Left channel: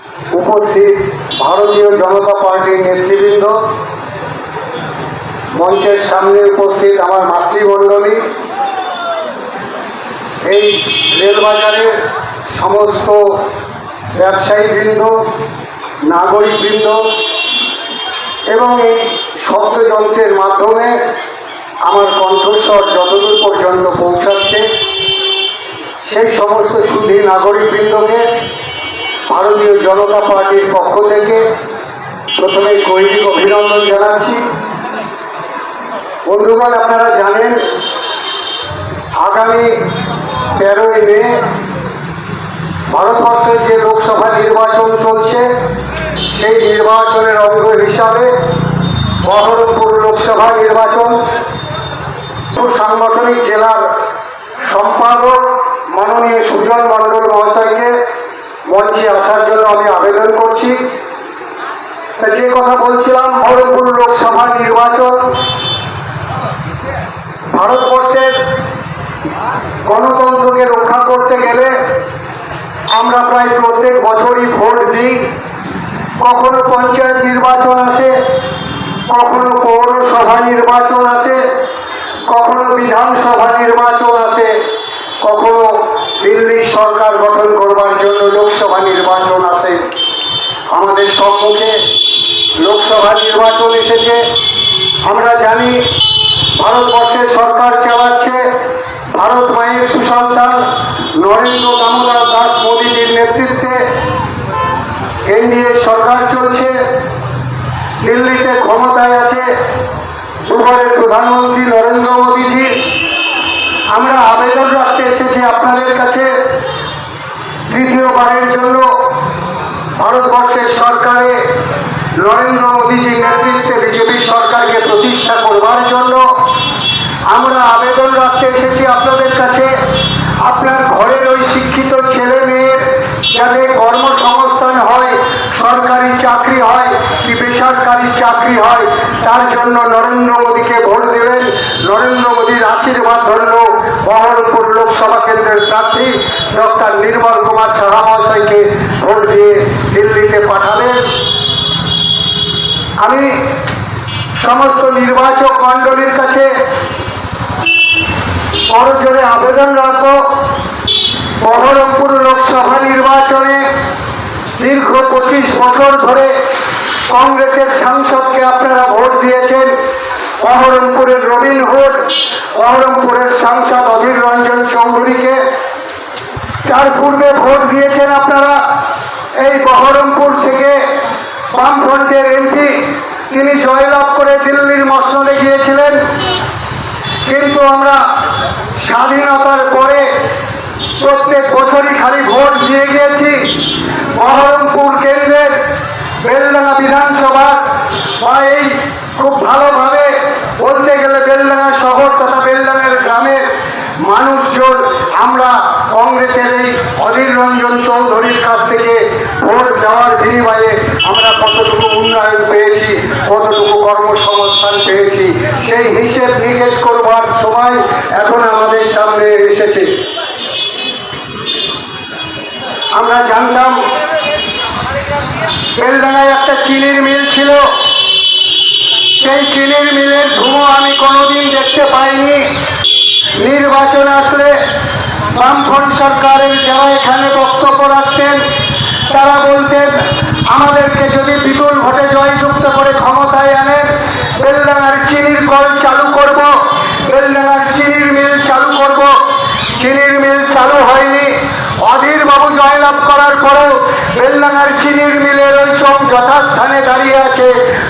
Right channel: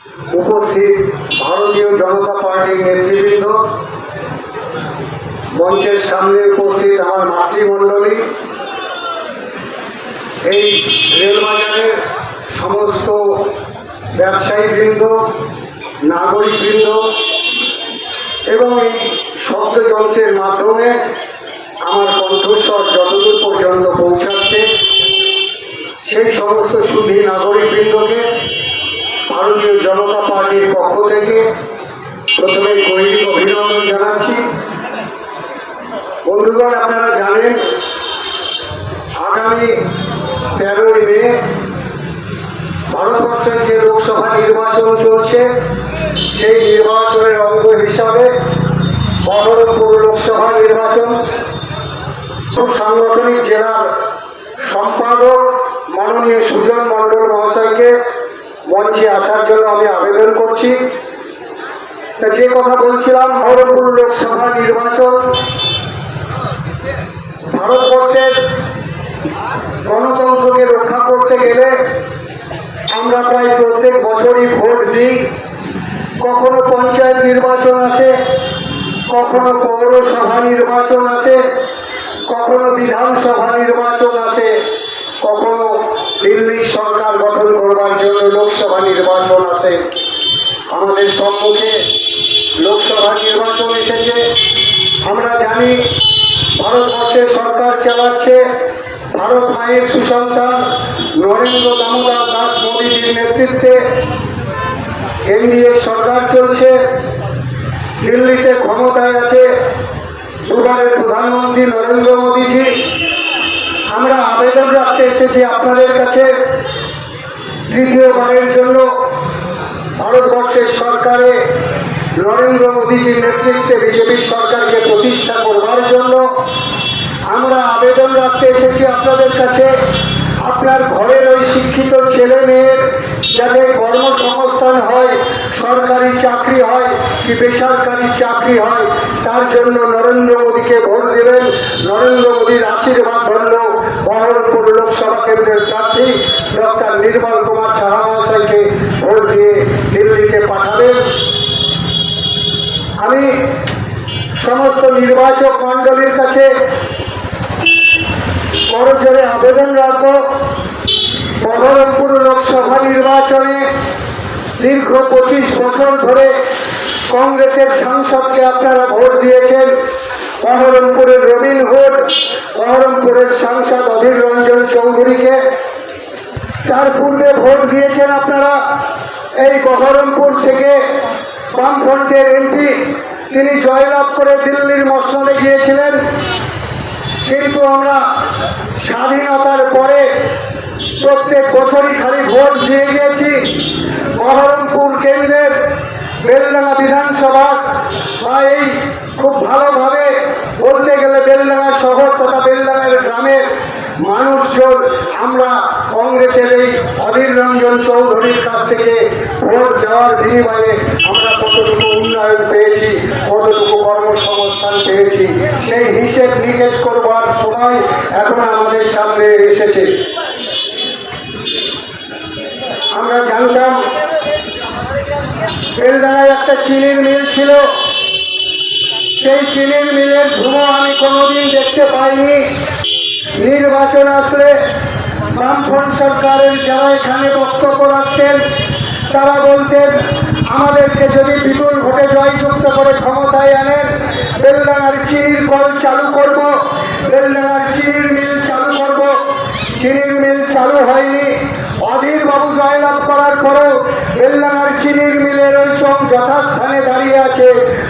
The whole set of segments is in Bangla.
উপস্থিত ভারতীয় জনতা পার্টির নেতৃবৃন্দ, মঞ্চের সামনে উপস্থিত আমার মাতৃমণ্ডলী, এই রেলবাজারের সমস্ত ব্যবসায়ীবৃন্দ, নাগরিকবৃন্দ এবং এই শব্দযন্ত্রের মাধ্যমে আমার কণ্ঠস্বর যতদূর পর্যন্ত পৌঁছাচ্ছে সেই সমস্ত সুধী নাগরিকবৃন্দকে ভারতীয় জনতা পার্টির পক্ষ থেকে প্রথমে গৈরিক অভিনন্দন জানাচ্ছি। বন্ধুগণ, আপনারা জানেন আগামী 13ই মে ভারতবর্ষের যে লোকসভা নির্বাচন চলছে সেই নির্বাচনের অঙ্গ হিসাবে বহরমপুর লোকসভা নির্বাচন সাংগঠনিক জেলার সম্পাদক মাননীয় সুজন মণ্ডল মহাশয়কে মঞ্চে আসার জন্য আমি আবেদন করছি। যে কথা বলছিলাম, বহরমপুর লোকসভা নির্বাচন ভারতবর্ষের গণতন্ত্রকে রক্ষা করতে গেলে আমরা প্রায় প্রত্যেক বছরই ভোট দিই। কখনো পঞ্চায়েত নির্বাচন আসে, কখনো পৌরসভা নির্বাচন আসে, কখনো বিধানসভা নির্বাচন আসে, কখনো দিল্লি সরকার গঠন করবার জন্য লোকসভা নির্বাচন আসে। আমাদের সম্মুখে লোকসভা নির্বাচন এসেছে। আমরা জানি ভারতবর্ষের সরকার চালাচ্ছে ভারত মায়ের সুসন্তান নরেন্দ্র দামোদর দাস মোদীজির নেতৃত্বে এনডিএ সরকার চলছে। দিল্লিতে ক্ষমতায় আছে দুবারের প্রধানমন্ত্রী নরেন্দ্র মোদীজি। আমরা আবেদন রাখতে এসেছি আপনাদের কাছে, তৃতীয়বারের জন্য ভারতবর্ষের সরকারে নরেন্দ্র মোদীজির নেতৃত্বে বিজেপি সরকারকে প্রতিষ্ঠা করবার জন্য আমরা আবেদন রাখতে এসেছি আপনাদের কাছে। আপনার ঘরের ওই শিক্ষিত ছেলে মেয়ের যাতে কর্মসংস্থান হয়, সরকারি চাকরি হয় কি বেসরকারি চাকরি হয়, তার জন্য নরেন্দ্র মোদীকে ভোট দেবেন। নরেন্দ্র মোদীর আশীর্বাদ ধন্য বহরমপুর লোকসভা কেন্দ্রের প্রার্থী ডক্টর নির্মল কুমার সাহা মহাশয়কে ভোট দিয়ে দিল্লিতে পাঠাবেন। আমি সমস্ত নির্বাচক মণ্ডলীর কাছে করজোরে আবেদন রাখব, বহরমপুর লোকসভা নির্বাচনে দীর্ঘ 25 বছর ধরে কংগ্রেসের সাংসদকে আপনারা ভোট দিয়েছেন। বহরমপুরের রবিনহুড, বহরমপুরের সাংসদ অধীর রঞ্জন চৌধুরীকে। তার পূর্বে ভোট দিয়েছেন আপনারা এই বহরমপুর থেকে বামফ্রন্টের এমপি, তিনি জয়লাভ করে দিল্লির মসনদে গিয়েছিলেন। কিন্তু আমরা স্বাধীনতার পরে প্রত্যেক বছরই খালি ভোট দিয়ে গিয়েছি। বহরমপুর কেন্দ্রের বেলডাঙ্গা বিধানসভা বা এই খুব ভালোভাবে বলতে গেলে বেলডাঙ্গা শহর তথা বেলডাঙ্গার গ্রামের মানুষজন আমরা কংগ্রেসের এই অধীর রঞ্জন চৌধুরীর কাছ থেকে ভোট দেওয়ার বিনিময়ে আমরা কতটুকু উন্নয়ন পেয়েছি, কতটুকু কর্মসংস্থান পেয়েছি, সেই হিসেব নিকেশ করবার সময় এখন আমাদের সামনে এসেছে। আমরা জানতাম বেলডাঙ্গায় একটা চিনির মিল ছিল, সেই চিনির মিলের ধুমো আমি কোনোদিন দেখতে পাইনি। নির্বাচন আসলে বামফ্রন্ট সরকারের যারা এখানে বক্তব্য রাখতেন তারা বলতেন আমাদেরকে যদি বিপুল ভোটে জয়যুক্ত করে ক্ষমতায় আনেন বেলডাঙ্গার চিনির কল চালু করব, বেলডাঙ্গার চিনির মিল চালু করব। চিনির মিল চালু হয়নি। অধীর বাবু জয়লাভ করার পরেও বেলডাঙ্গার চিনির মিলের ওই চোম যথাস্থানে দাঁড়িয়ে আছে,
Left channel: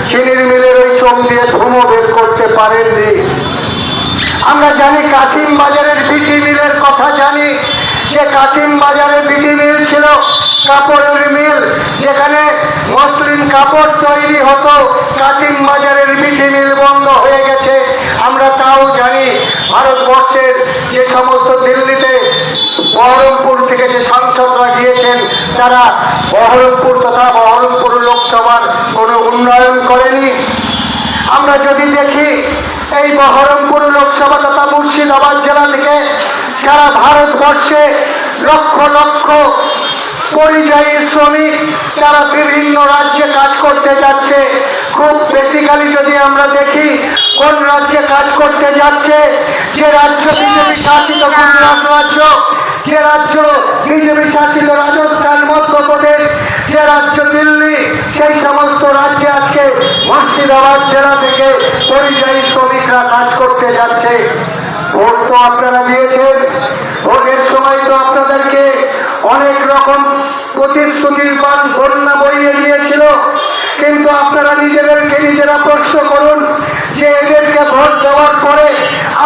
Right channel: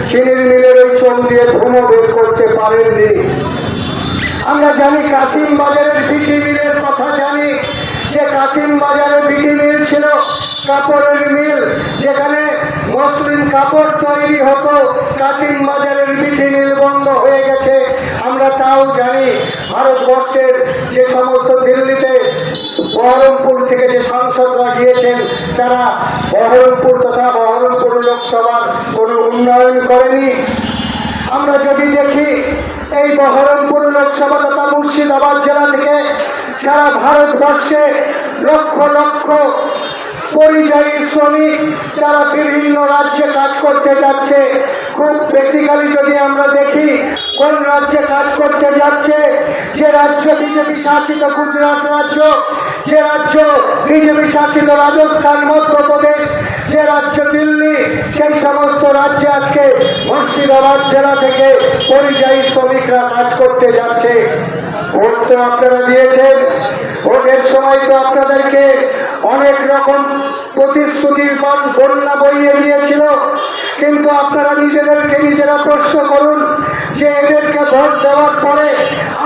চিনির মিলের ওই চোম দিয়ে ধুমো বের করতে পারেননি। আমরা জানি কাশিম বাজারের বিটি মিলের কথা জানি, যে কাশিম বাজারে বিটি মিল ছিল কাপড়ের মিল, যেখানে মসলিন কাপড় তৈরি হতো। কাশিম বাজারের বিটি মিল বন্ধ হয়ে গেছে। আমরা তাও জানি ভারতবর্ষের যে সমস্ত দিল্লিতে বহরমপুর থেকে যে সাংসদরা গিয়েছেন তারা বহরমপুর তথা বহরমপুর লোকসভার কোনো উন্নয়ন করেনি। আমরা যদি দেখি এই বহরমপুর লোকসভা তথা মুর্শিদাবাদ জেলা থেকে সারা ভারতবর্ষে লক্ষ লক্ষ পরিযায়ী শ্রমিক যারা বিভিন্ন রাজ্যে কাজ করতে যাচ্ছে, খুব বেসিক্যালি যদি আমরা দেখি কোন রাজ্যে কাজ করতে যাচ্ছে, যে রাজ্য বিজেপি শাসিত গুজরাট রাজ্য, যে রাজ্য বিজেপি শাসিত রাজস্থান, মধ্যপ্রদেশ, যে রাজ্য দিল্লি, সেই সমস্ত রাজ্যে আজকে মুর্শিদাবাদ জেলা থেকে পরিযায়ী শ্রমিকরা কাজ করতে যাচ্ছে। ভোট তো আপনারা দিয়েছেন, ভোটের সময় তো আপনাদেরকে অনেক রকম প্রতিশ্রুতির বন্যা বইয়ে দিয়েছিল, কিন্তু আপনারা নিজেদেরকে নিজেরা প্রশ্ন করুন যে এদেরকে ভোট দেওয়ার পরে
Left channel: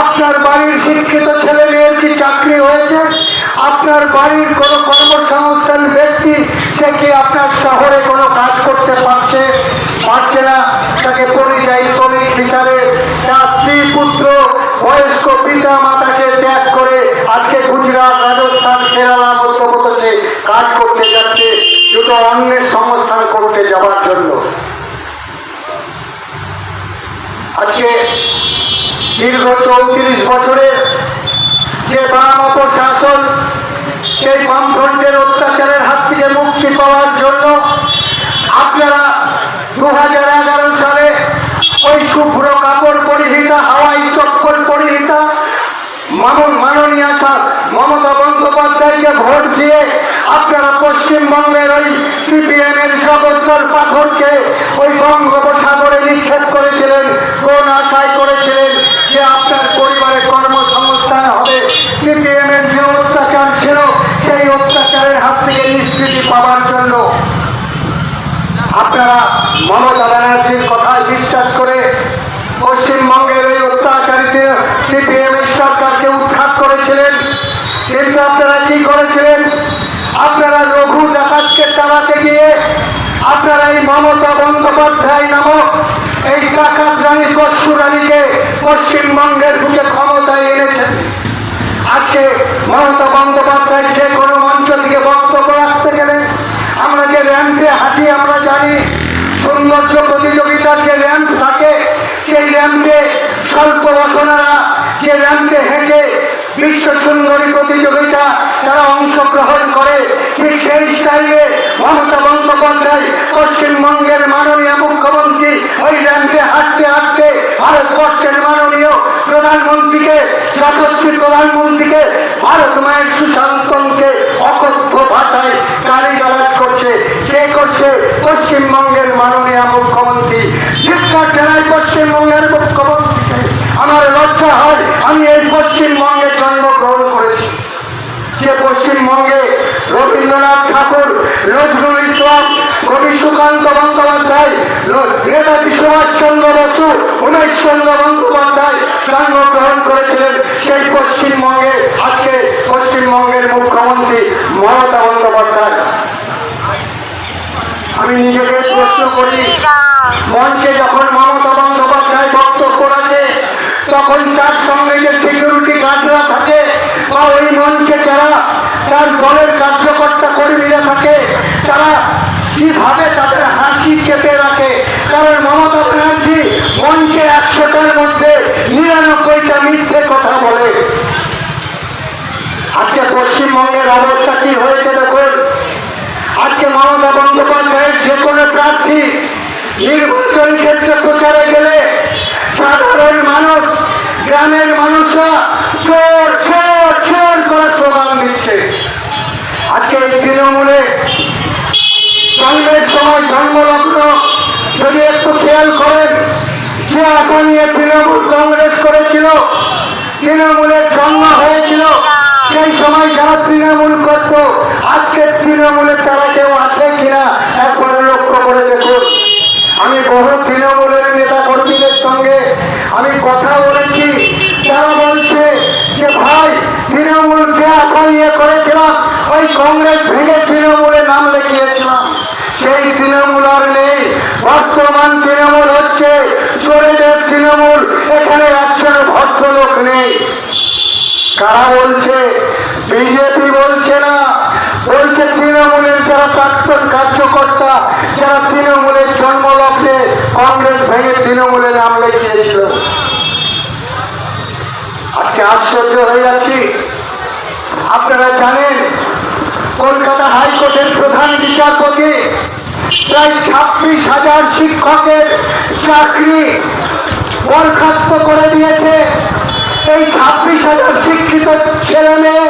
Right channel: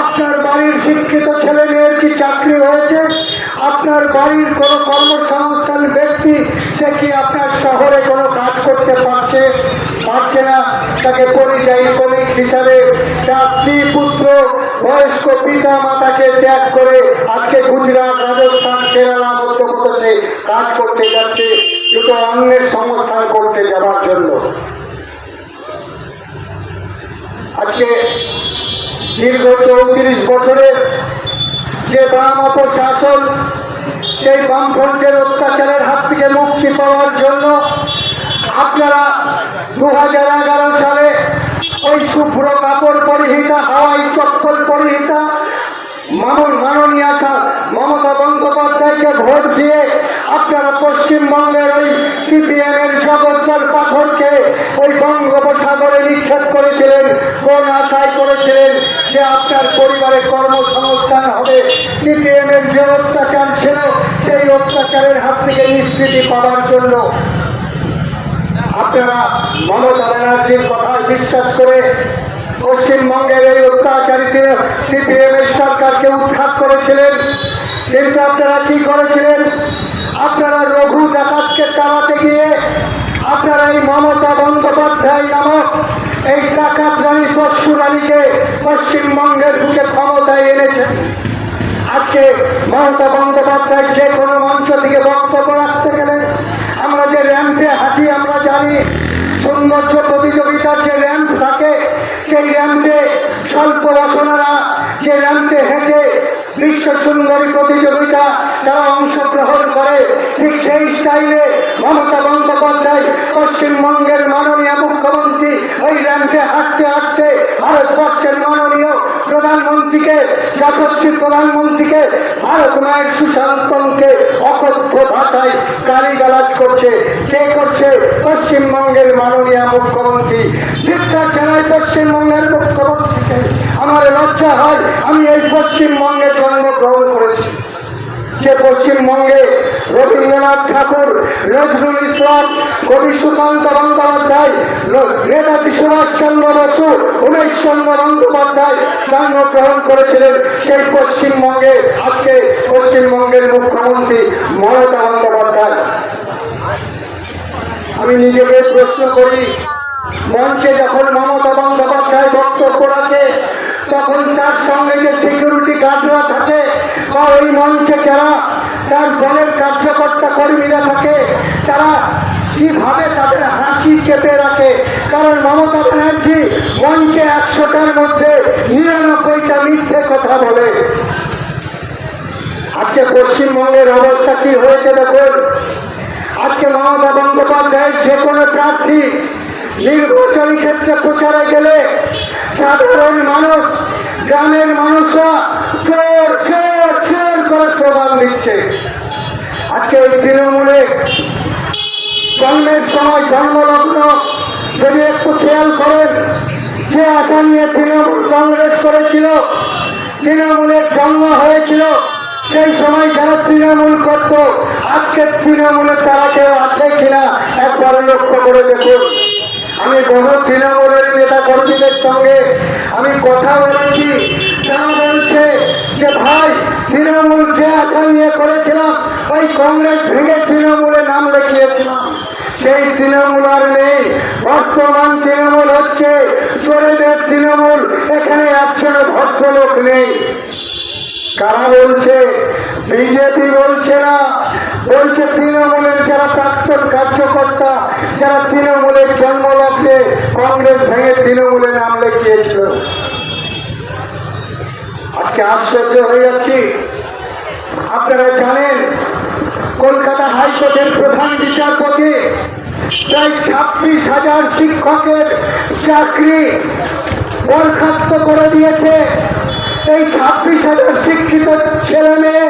আপনার বাড়ির শিক্ষিত ছেলে মেয়ের কি চাকরি হয়েছে? আপনার বাড়ির কোনো কর্মসংস্থান ব্যক্তি সে কি আপনার শহরে কোনো কাজ করতে পারছে না? তাকে পরিযায়ী শ্রমিক হিসাবে তার স্ত্রী পুত্র বয়স্ক পিতা মাতাকে ত্যাগ করে আজকে গুজরাট, রাজস্থান, কেরালা, মধ্যপ্রদেশে কাজ করতে যাচ্ছে দুটো অন্যের সংস্থান করতে যাওয়ার জন্য। আজকে দীর্ঘ 34 বছরের যে বাম অপশাসন, সেই বামফ্রন্টের অত্যাচারের হাত থেকে মুক্তি পাওয়ার জন্য আপনারা 2011 সালে ওই শুভ্র কাপড় পরিহিতা, হাওয়াই চপ্পল পরিহিতা মাননীয়া মমতা বন্দ্যোপাধ্যায়কে ভোট দিয়ে আপনারা পশ্চিমবঙ্গের ওই সিপিএমের জগদ্দল পাথরকে ওই বঙ্গোপসাগরে নিক্ষেপ করেছিলেন। কোন আশায় করেছিলেন যে আপনার পরিবারে কর্মসংস্থান হবে? সিপিএমের যে অত্যাচার ছিল সেই অত্যাচারের হাত থেকে নিষ্কৃতি পাওয়ার জন্য আপনারা মমতা ব্যানার্জির কথায় বিশ্বাস করে পশ্চিমবঙ্গের এই অত্যাচারিত সিপিএমের সরকারকে উৎখাত করেছিলেন। কিন্তু আপনারা কি করেছিলেন? আপনারা রঘু ডাকাতকে তাড়াতে গিয়ে আপনারা এই মমতা বন্দ্যোপাধ্যায় নামক এই ডাকাত রানী পশু রানীকে পশ্চিমবঙ্গের বুকে ক্ষমতায় এনেছেন। আজকে মমতা বন্দ্যোপাধ্যায় যে কোনো মঞ্চ থেকে বক্তব্য রাখতে গেলে আমরা যে র্যাম্পে হাঁটি, আমরা জানি সৌন্দর্য প্রতিযোগিতার যে র্যাম্প থাকে, সেই র্যাম্পে স্বল্প বসনারা যে র্যাম্পে হেঁটে বিশ্ব সুন্দরী প্রতিযোগিতা যারা অংশগ্রহণ করে, ঠিক সেই স্টাইলে মমতা বন্দ্যোপাধ্যায় পশ্চিমবঙ্গের মাননীয় মুখ্যমন্ত্রী ওই র্যাম্পে হাঁটতে হাঁটতে ভারতবর্ষের মাননীয় প্রধানমন্ত্রীকে, যশস্বী প্রধানমন্ত্রীকে, ভারত মায়ের সুশাসনকে অকথ্য ভাষায় গালিগালাজ করছে। কে করছে? পশ্চিমবঙ্গের মাননীয় মুখ্যমন্ত্রী। ধিক্কার জানাই পশ্চিমবঙ্গের মুখ্যমন্ত্রীকে। আমার লজ্জা হয় আমি এই পশ্চিমবঙ্গে জন্মগ্রহণ করেছি, যে পশ্চিমবঙ্গে রবীন্দ্রনাথ ঠাকুর, নজরুল ইসলাম, কবি সুকান্ত বন্দ্যোপাধ্যায়, নেতাজি সুভাষচন্দ্র বসু, উমেশচন্দ্র বন্দ্যোপাধ্যায় জন্মগ্রহণ করেছিলেন। সেই পশ্চিমবঙ্গে আজকে পশ্চিমবঙ্গের মুখ্যমন্ত্রী মমতা বন্দ্যোপাধ্যায়। আমি নিজেকে প্রশ্ন করি, মঞ্চে যখন মমতা বন্দ্যোপাধ্যায় বক্তব্য রাখে তখন তার সঙ্গে যে সিকিউরিটি গার্ডরা থাকে বা ওই মঞ্চে যারা তার দলের কার্যকর্তা কর্মীরা থাকে, তারা কিভাবে তাদের হাসি চেপে রাখে? কারণ মমতা ব্যানার্জি মঞ্চে 100টার মধ্যে 99টা মিথ্যে কথা বলে। আজকে পশ্চিমবঙ্গের অবস্থা কি হয়েছে দেখুন। আজকে মমতা বন্দ্যোপাধ্যায়ের যে কোনো প্রার্থী নির্বাচন ক্ষেত্রে প্রচারে গেলে সাধারণ মানুষ, গ্রামের মানুষরা চোর চোর চোর করে স্লোগান দিচ্ছে। আজকে এই তৃণমূলে জন্মের সময় জন্মলগ্ন যদি একটু খেয়াল করেন, যে আশা নিয়ে তৃণমূল কংগ্রেস করেছিল, তৃণমূলের জন্ম হয়েছিল, সেই সময় যারা তৃণমূল করত আজকে তৃণমূলে তারা কেউ আছে কিনা একবার লক্ষ্য করে দেখুন। আমি বহু তৃণমূলের নেতা কর্মীদের সঙ্গে আমি কথা বলেছি, তারা বলছে যে ভাই তৃণমূল যে আশা নিয়ে করেছিলাম ওই কংগ্রেস ভেঙে তৃণমূলে নাম লিখিয়েছিলাম, সেই তৃণমূল আর নেই। বর্তমান তৃণমূল হচ্ছে চোরেদের তৃণমূল, এখানে একজন ভদ্রলোক নেই। কারা বলছে? বিজেপি বলছে না, বলছে তৃণমূলের যারা প্রাক্তন কার্যকর্তা, যারা তৃণমূলের জন্মলগ্নে কংগ্রেস ভেঙে তৃণমূলে নাম লিখিয়েছিল। আজকে আশ্চর্য হয়ে যাচ্ছি। আপনারা জানেন কলকাতা হাইকোর্টের প্রধান বিচারপতি প্রায় 26,000 শিক্ষকের চাকরি বরখাস্ত করে দিয়েছে। এই 26,000 শিক্ষিত ছেলে মেয়ে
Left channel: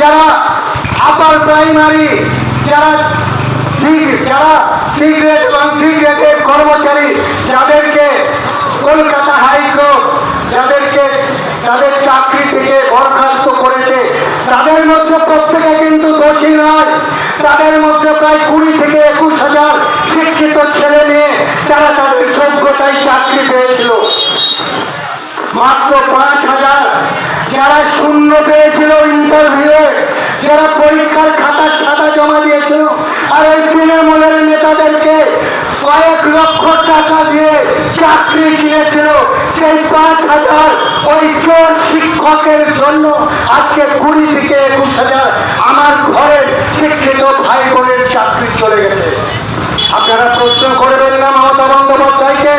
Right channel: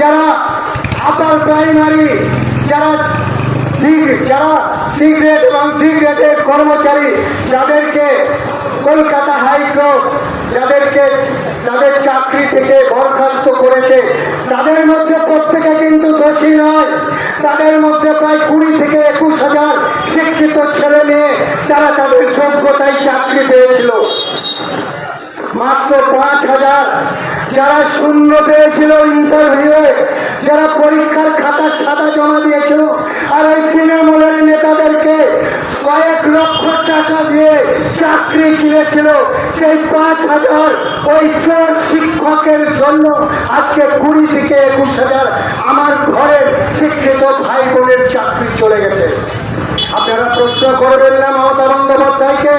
যারা আপার প্রাইমারি, যারা সি গ্রেড এবং ডি গ্রেডের কর্মচারী, যাদেরকে কলকাতা হাইকোর্ট যাদের চাকরি থেকে বরখাস্ত করেছে, তাদের মধ্যে প্রত্যেকে কিন্তু দোষী নয়। তাদের মধ্যে প্রায় 20 থেকে 21,000 শিক্ষিত ছেলে মেয়ে যারা তাদের যোগ্যতায় চাকরি পেয়েছিল। মাত্র 5,000 যারা শূন্য পেয়েছিল ইন্টারভিউয়ে, যারা পরীক্ষার খাতা সাদা জমা দিয়েছিল, আর ওই তৃণমূলের নেতাদেরকে কয়েক লক্ষ টাকা দিয়ে চাকরি কিনেছিল, সেই 5,000 ওই চোর শিক্ষকের জন্য আজকে 20 থেকে 21,000 আমার ঘরের শিক্ষিত ভাই বোনের চাকরি চলে গেছে। আপনারা প্রশ্ন করবেন না মমতা বন্দ্যোপাধ্যায়কে?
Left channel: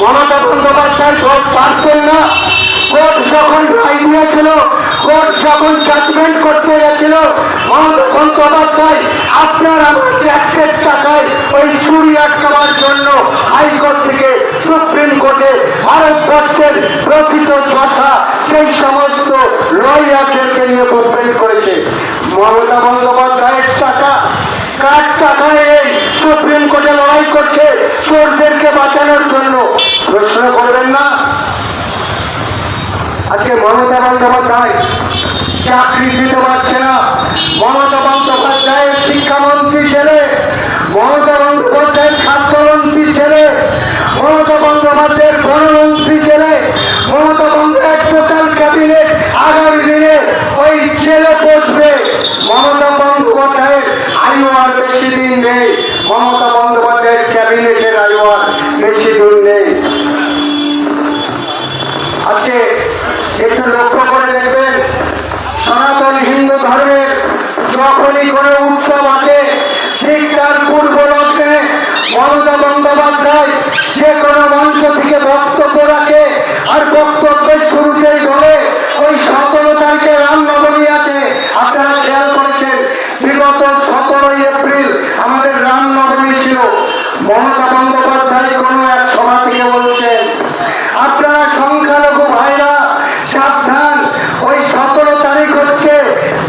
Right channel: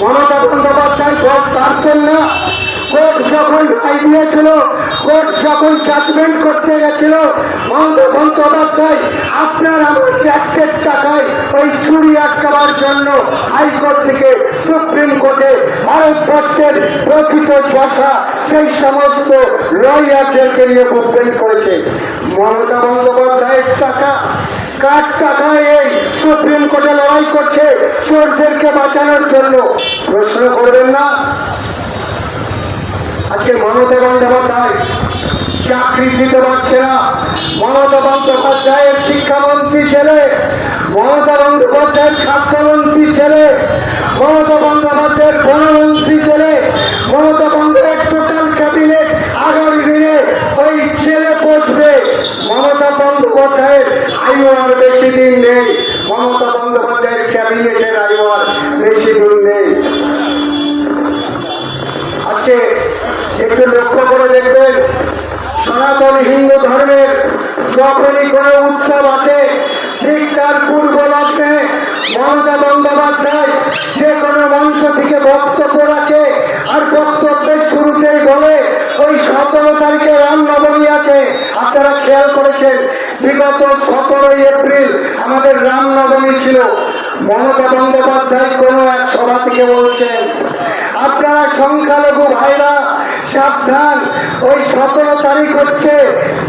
মমতা বন্দ্যোপাধ্যায় ভোট পারতেন না? কোর্ট যখন রায় দিয়েছিল, কোর্ট যখন জাজমেন্ট করতে গেছিল, মমতা বন্দ্যোপাধ্যায় আপনার আমার ট্যাক্সের টাকায় ওই চুরি আটকাবার জন্য হাইকোর্ট থেকে সুপ্রিম কোর্টে ভারতবর্ষের প্রকৃত যশা সেই সমস্ত লয়ারদেরকে নিয়ে মুভমেন্ট করেছে। মমতা বন্দ্যোপাধ্যায়ের টাকা, কার টাকায় এই সুপ্রিম কোর্টে লড়াই করছে চোরদেরকে বাঁচানোর জন্য? প্রশ্ন করবেন না? আজকে মমতা বন্দ্যোপাধ্যায় চাকরি দিতে পারছে না। মমতা বন্দ্যোপাধ্যায়ের শিক্ষামন্ত্রী ছেলে, মমতা বন্দ্যোপাধ্যায়ের খাদ্যমন্ত্রী ছেলে, মমতা বন্দ্যোপাধ্যায়ের বনমন্ত্রী ছেলে, মমতা বন্দ্যোপাধ্যায়ের টোটাল ক্যাবিনেট আগামী দিনে ওই ছেলে বসবে। মমতা বন্দ্যোপাধ্যায়ের আয়ু আর বেশি দিন নেই। মমতা বন্দ্যোপাধ্যায়ের ক্যাবিনেটের আয়ু আর বেশি দিন নেই। আজকে একটু লক্ষ্য করে দেখবেন, সনাতন হিন্দু ধর্মের যখনই কোনো উৎসব আছে, ঠিক তার পূর্ব লগ্নে মমতা বন্দ্যোপাধ্যায় যে কোনো মঞ্চ থেকে বক্তব্য রাখে, আর বক্তব্যের শুরুতেই বলে ওই 17 তারিখে রামনবমী আছে। আপনারা খেয়াল করেছেন, বিগত 17 এপ্রিল আমাদের রামনবমী ছিল। মমতা বন্দ্যোপাধ্যায় কোনো এক সভা থেকে বলছেন, আপনারা সংখ্যালঘু ভাইরা সাবধান, ওই 17 তারিখ হচ্ছে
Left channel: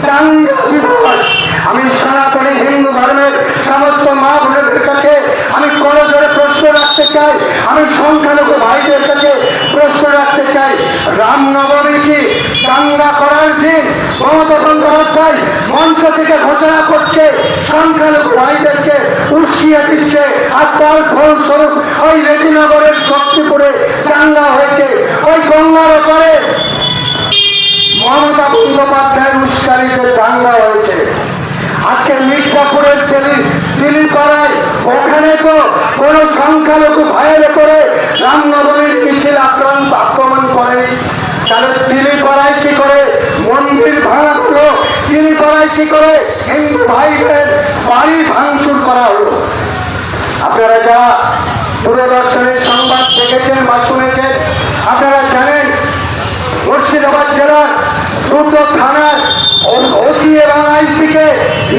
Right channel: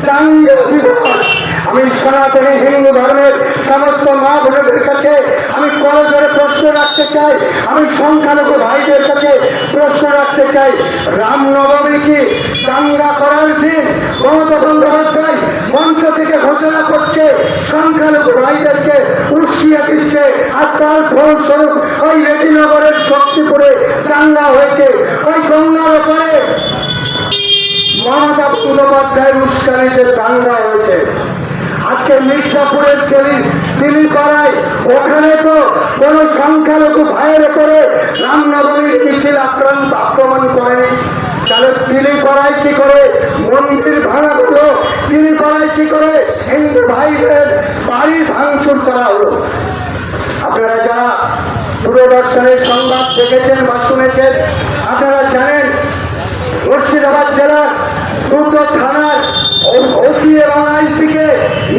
দাঙ্গা দিবস। আমি সনাতনী হিন্দু ধর্মের সমস্ত মা বোনদের কাছে আমি করজোড়ে প্রশ্ন রাখতে চাই, আমি সংখ্যালঘু ভাইদের কাছে প্রশ্ন রাখতে চাই, রামনবমী কি দাঙ্গা করার দিন? মমতা বন্দ্যোপাধ্যায় মঞ্চ থেকে ঘোষণা করছে, সংখ্যালঘু ভাইদেরকে উস্কিয়ে দিচ্ছে, আর তার ফলস্বরূপ ওই রেজিনগরের শক্তিপুরে দাঙ্গা হয়েছে। ওই গঙ্গার ওপরে মমতা বন্দ্যোপাধ্যায়ের উস্কানিতে দাঙ্গা হয়েছে। আজকে মির্জাপুরের দিলীপাড়ায় ওখানে তো কোনো সংখ্যালঘু ভাইয়ের উপরে রামনবমীর মিছিল আক্রমণ করেনি। তাহলে দিলীপাড়ায় কি করে মন্দির ভাঙা হলো? দিলীপাড়ায় কি করে হিন্দু ভাইদের বাড়ি ভাঙচুর করা হলো? আপনারা যা দূরদর্শনের সংবাদ দেখেছেন বা শুনেছেন, আপনারা জানেন মুর্শিদাবাদ জেলার 2টো থানার ওসি এবং আইসিকে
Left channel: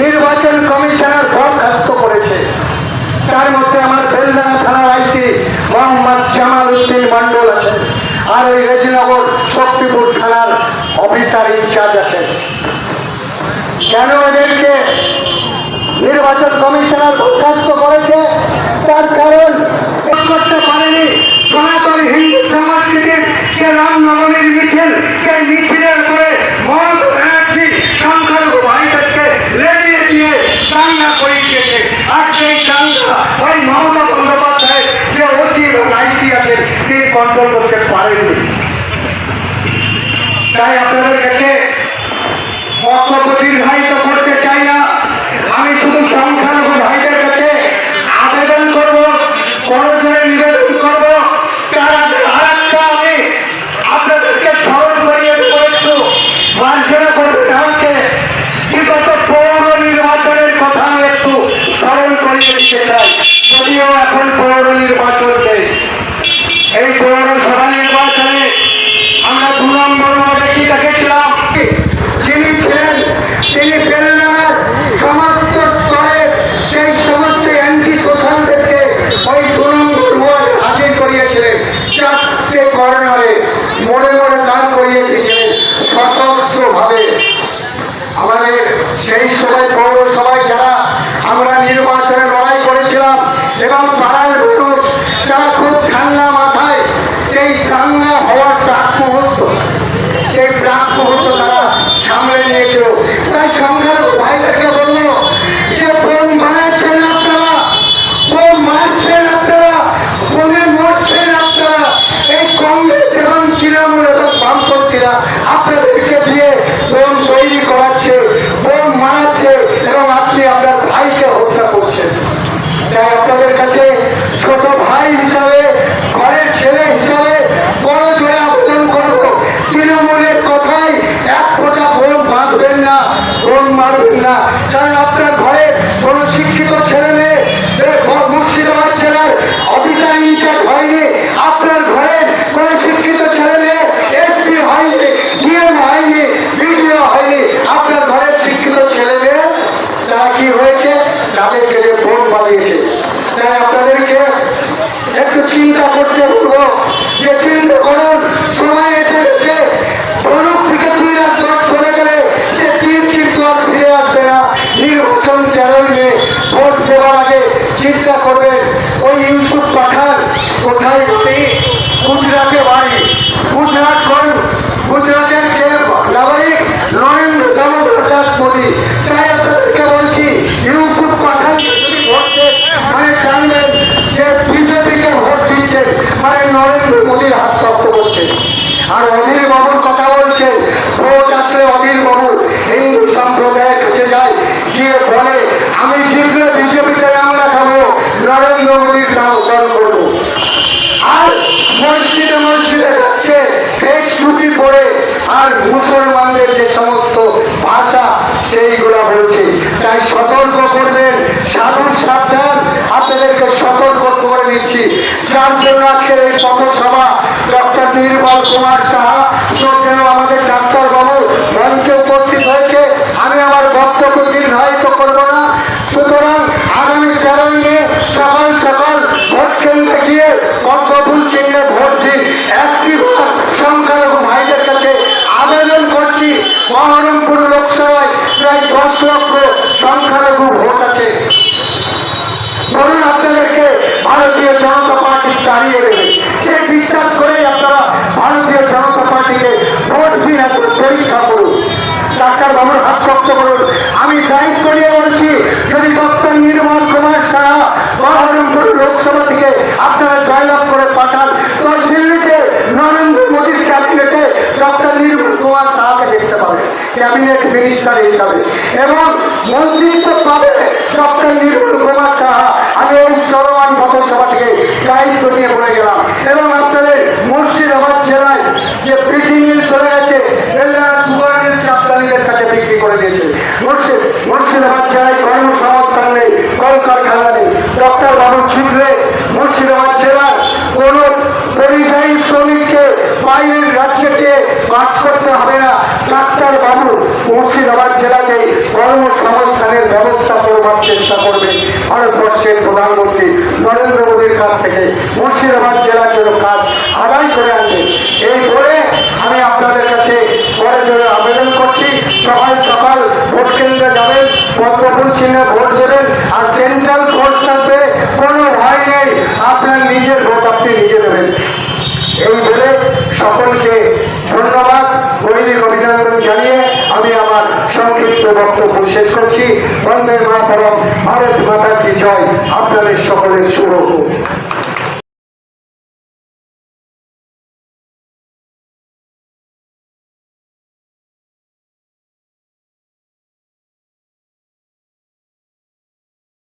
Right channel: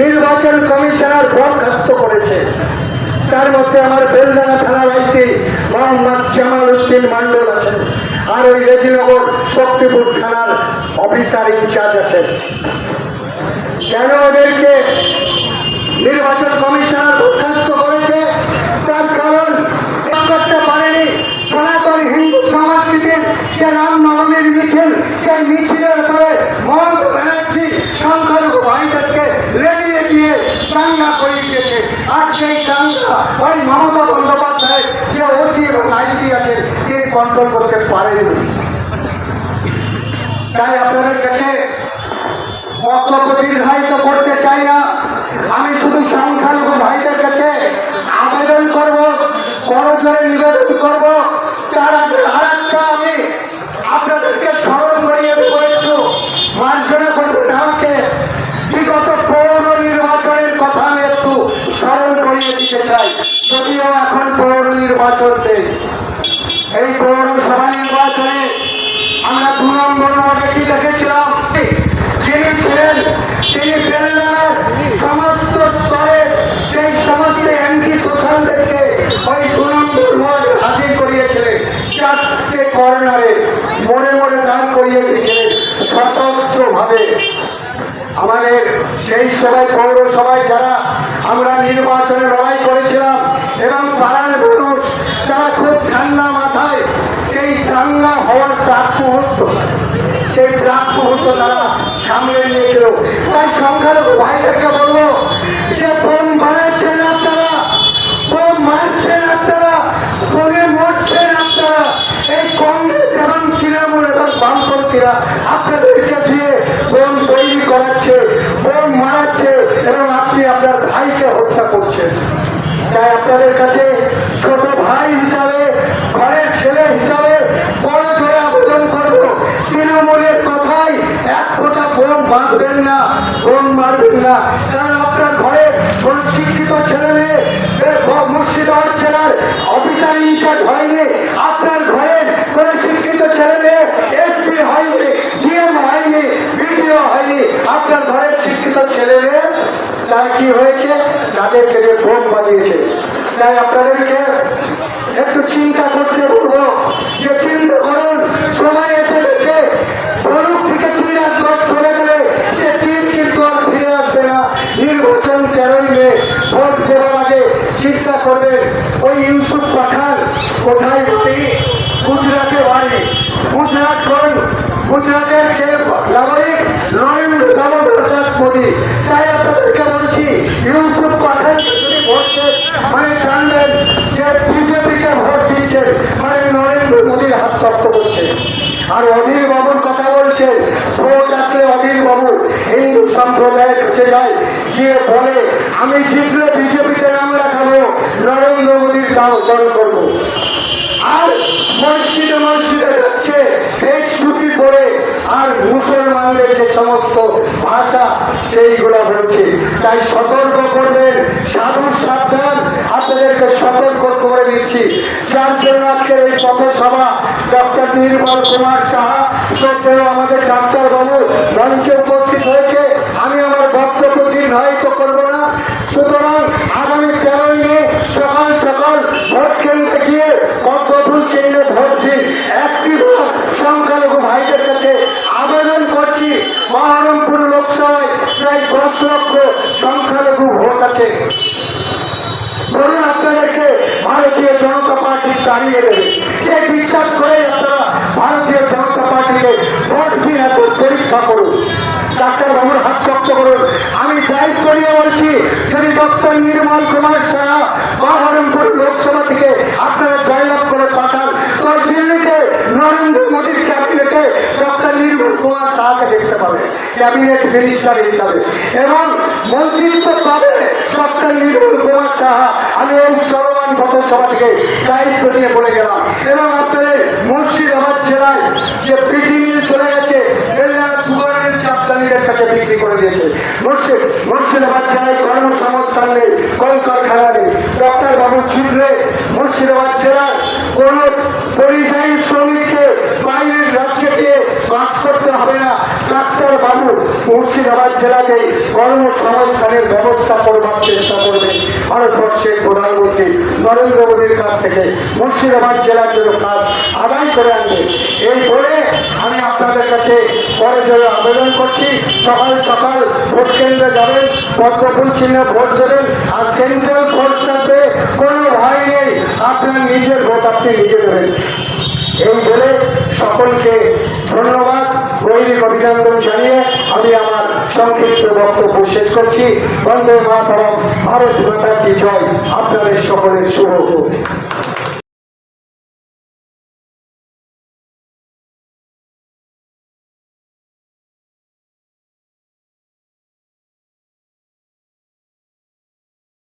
নির্বাচন কমিশনার বরখাস্ত করেছে। তার মধ্যে আমার বেলডাঙ্গা থানার আইসি মোহাম্মদ জামাল উদ্দিন মন্ডল আছেন, আর ওই রেজিনগর শক্তিপুর থানার অফিসার ইনচার্জ আছেন। কেন এদেরকে নির্বাচন কমিশনার বরখাস্ত করেছে? তার কারণ করতে পারেনি সনাতন হিন্দু সংস্কৃতির যে রামনবমীর মিছিল, সেই মিছিলের উপরে মমতা ব্যানার্জি সংখ্যালঘু ভাইদেরকে লেলিয়ে দিয়ে দাঙ্গা করিয়ে দিয়েছে। আর সেই দাঙ্গা ওই মমতা বন্দ্যোপাধ্যায়ের যে ওসি এবং আইসি আছে তিনি কন্ট্রোল করতে পারেননি। তাই আপনাদের কাছে বক্তব্য দীর্ঘায়িত করতে চাই না, আমি শুধু সংখ্যালঘু ভাইদের কাছে আবেদন করবো, করজোড়ে নিবেদন করবো, তারা আরেকটা আমি আপনাদেরকে স্মরণ করিয়ে দেবো, একটু মার্জনা করবেন আমাকে। বিগত পৌর নির্বাচনের কথা আমি একটু স্মরণ করিয়ে দিতে চাই, যদিও এখন পৌর নির্বাচন নেই। এই পৌরসভা নির্বাচনে আমরা 2 নম্বর ওয়ার্ডে কি দেখেছিলাম? যিনি ছিলেন তিনি বেলডাঙ্গার সবাই যারা আমরা নির্বাচনে লড়াই করেছিলাম এবং পাড়ার মানুষ যারা খুব ঠান্ডা মাথায় সেই দাঙ্গা হওয়ার প্রাক মুহূর্ত, সেই প্রাক মুহূর্ত তারা সামলে নিয়েছিল। তাই সংখ্যালঘু ভাইদেরকে বলবো যে বোম বানাচ্ছেন আপনারা, বোম মারছেন আপনারা, বোমে মরছেন আপনারা। এই কংগ্রেস এবং তৃণমূল এবং বামপন্থীরা আপনাদেরকে দিয়ে বোম তৈরি করাচ্ছে, বোম মারাচ্ছে এবং আপনি আপনার ভাইকে হত্যা করছেন। তাই আপনাদের কাছে ছোট ভাই হিসাবে, ঘরের ছেলে হিসাবে বড় জোরে আবেদন করবো, তৃণমূলের কথায় এক ফোঁটা বোম বাঁধবেন না, বোম মারবেন না। কারণ আপনার ঘরে কোনো শিক্ষিত ছেলে মেয়ে মুর্শিদাবাদ জেলার অফিসার ইনচার্জ হয়নি, আপনার ঘরে কোনো শিক্ষিত ছেলে মেয়ে এসপি হয়নি, ডিএম হয়নি, বিডিও হয়নি। আপনার ঘরের শিক্ষিত ছেলে মেয়ে তার কি হয়েছে, তাদেরকে যে ভোট বানিয়েছে। তাই আপনাদেরকে একটু চিন্তা করতে বলবো যে চিন্তা করুন, সময় এসে গেছে। ধনুক থেকে 2 লাখ লোক চলে গেলে সে 3 কিন্তু আর ফিরে আসবে না। নির্বাচন 13 মে ভোট দেওয়ার আগে চিন্তা করবেন ওই ইউসুফ পাঠান কোথায় বাড়ি, গুজরাটে বাড়ি, গুজরাট কোন গুজরাটের যে নাগরিক নরেন্দ্র দামোদর দাস মোদী। তাই আপনাদেরকে বলছি ইউসুফ পাঠান ভোট দেন, মানে জানবেন যে বিজেপিকে ভোট দিচ্ছেন মানে নরেন্দ্র মোদীর হাত শক্ত করছেন। আর অধীর বাবুর কথা বলছেন, ভোট আসলে অধীর বাবু হিন্দু সম্প্রদায়ে ঢুকে যায়, গিয়ে বলে আমি জিতলে বিজেপিতে নাম লেখাবো, নরেন্দ্র মোদীর নাম উচ্চারণ করবো। আর মসজিদে মসজিদে যাচ্ছে ফেস টুপি পরে, আর মুসলমানদের যে সমস্ত ভাষা সেইগুলা বলছে। তাই সতর্ক করবেন, সাধু সাবধান, আপনাদেরকে সতর্ক করে দিচ্ছি। যার জন্য আজকের এই পথসভা ডক্টর নির্মল কুমার সাহা শ্রদ্ধেয় আমাদের ডাক্তার বাবু মঞ্চে উপস্থিত হয়েছে। আমি আমার বক্তব্য দীর্ঘায়িত করবো না। সুতরাং আগামী 13 মে সকাল সকাল ভোট কেন্দ্রে গিয়ে পদ্মফুল চিহ্নে ভোট দিন। একটিবার সংখ্যালঘু ভাইদের কাছে আবেদন করছি, বহরমপুর লোকসভায় প্রায় 10 লক্ষ সংখ্যালঘু ভোট আছে। ধরুন আপনাদেরকে ভারতীয় জনতা পার্টি চালিয়ে দেবে, সে বিশ্বাস করেই আপনারা ভারতীয় জনতা পার্টিকে ভোট দিয়ে পরীক্ষা করুন, ডাক্তার বাবুর হাত শক্ত করুন। আমি দায়িত্ব নিয়ে বলছি, যদি ডক্টর নির্মল কুমার সাহা বহরমপুর লোকসভা থেকে আপনারা জয়লাভ করে পাঠান, তো দিল্লিতে নরেন্দ্র মোদীর ক্যাবিনেটে ডক্টর নির্মল কুমার সাহাকে দেখতে পাবে ক্যাবিনেট মিনিস্টার হিসাবে, এবং মন্ত্রিত্ব পাবে ডক্টর নির্মল কুমার সাহা। আমি এই চলমান পথসভা থেকে দায়িত্ব নিয়ে বলে গেলাম। এবং আপনাদের মুর্শিদাবাদ জেলায় যে পিটি মিল চলে গেছে, এরা সুগার মিল চাপচালিদের কাছে বিক্রি করে দিয়েছে। মুর্শিদাবাদ জেলায় কর্মসংস্থান নেই, কলকারখানা নেই। ডক্টর বাবু ছিটলে মুর্শিদাবাদ জেলার কোন পরিযায়ী শ্রমিককে বাইরের রাজ্যে গিয়ে কাজ করতে হবে না। ডাক্তার বাবু মুর্শিদাবাদ জেলাকে কর্মসংস্থানের ব্যবস্থা করবার চেষ্টা করবে। ভারতবর্ষের প্রধানমন্ত্রী নরেন্দ্র মোদীর কাছ থেকে মুর্শিদাবাদ জেলার জন্য কাজ আদায় করে আনবে। এই বলে আমি আপনাদের কাছে পরে জন্য আবেদন করছি, সকাল সকাল ভোট কেন্দ্রে যাবেন, পদ্মফুল চিহ্নে ভোট দেবেন। আর সেন্ট্রাল ফোর্স থাকবে, কোনো ভয় নেই, আপনার নিজের ভোট আপনি নিজে দেবেন। এই বলে সকলকে ধন্যবাদ, গৈরিক অভিনন্দন জানিয়ে আমি আমার সংক্ষিপ্ত বক্তব্য শেষ করছি। বন্দে মাতরম, ভারত মাতা কি জয়। আপনাদের সকলের